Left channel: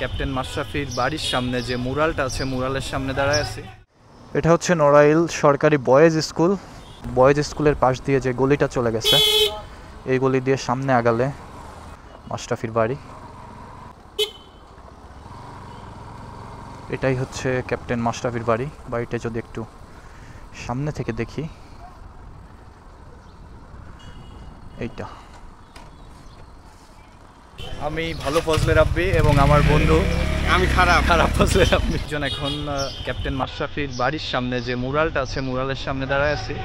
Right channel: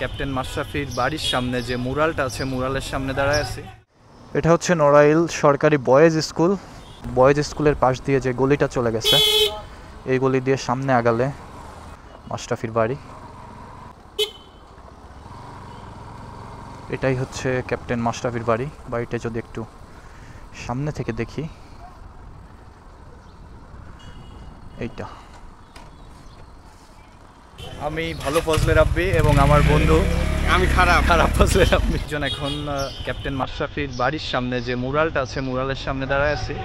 Captain মাশরাফির বাড়ির সামনে যে মুরালটা আছে মুরালের সামনে দাঁড়ায় আছি। এটা হচ্ছে নড়াইল সরকারি বয়েজ স্কুল। বয়েজ স্কুলের পাশ দিয়ে যে গলিটা চলে গেছে এই গলি দিয়ে সামনে আগালে মাশরাফির বাড়ি। এটাই হচ্ছে ক্যাপ্টেন মাশরাফির বাড়ি। বাড়িটা যদি একটু সামনে থেকে দেখি, এইটা। আমি ভালো ফজলে রাব্বি এবং আমার বন্ধু আমি খারাপ ফজলে রাব্বি একজন এখন ক্যাপ্টেন মাশরাফির বাড়ির সামনে যে মুরালটা আছে মুরালের সামনে দাঁড়ায় আছি।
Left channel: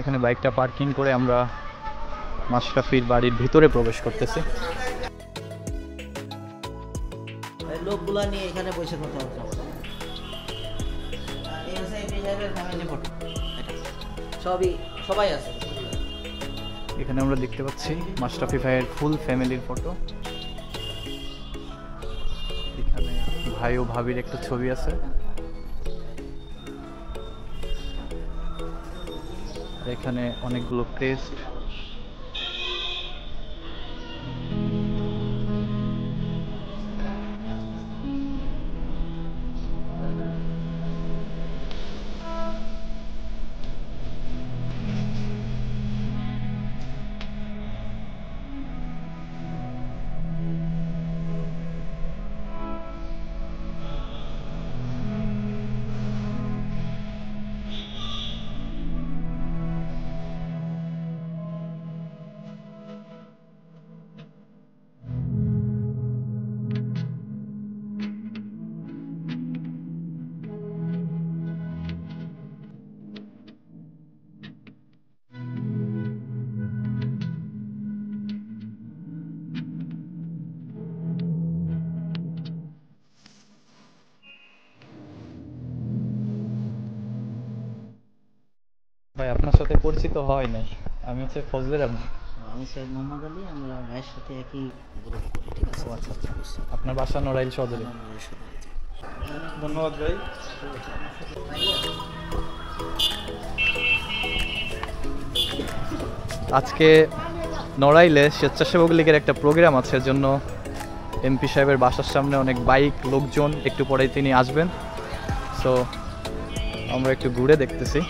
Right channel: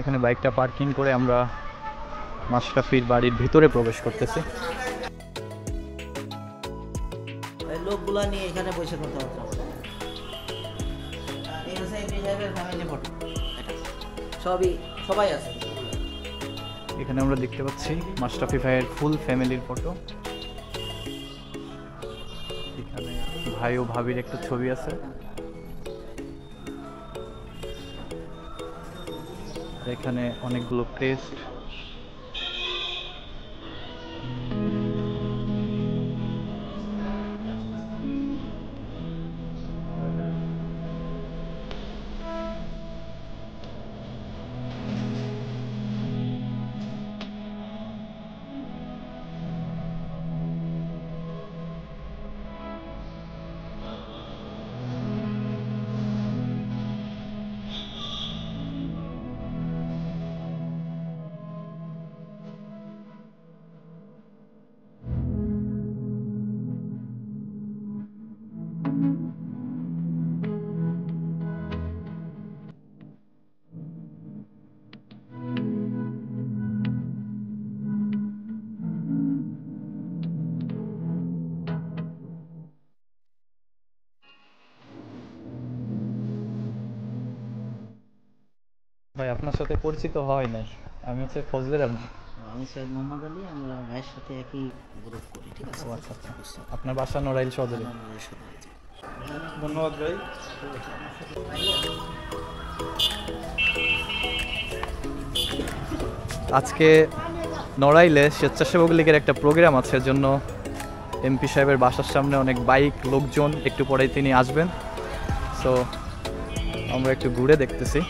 এখানে বাইকটা পার্কিং করে আমরা মাশরাফির বাড়ির ভিতরে প্রবেশ করতেছি। লোকগুলা নিয়ে এখানে বসে কথা বলতে হবে। সবাই আছে। এখানে আমরা দেখতে পাচ্ছি মাশরাফি ভাইয়ের ফুল ফ্যামিলির ফটো। এখানে ভাই ও ভাবির একটা ছবি আছে। এখানে অনেকগুলো ক্রেস্ট। ভাই আপনার সাথে পরিচিত হয় নাই, আমি হচ্ছে ফজলে রাব্বি। আমি সৈয়দ মোহাম্মদ আলী, আমরা ভাইয়ের সাথে একই গ্রুপ করি। ঠিক আছে। আচ্ছা আচ্ছা, আপনার বাসা নড়াইল সদরে। ধন্যবাদ ভাই। আজকে নড়াইলে স্বেচ্ছাসেবক লীগের একটা প্রোগ্রাম আছে, জন্য এমপি সাহেবের বাসার সামনে অনেক বাইক লোকজন, একটু পরেই তিনি আসবেন। সো আমরা একটু ঘুরে দেখতেছি।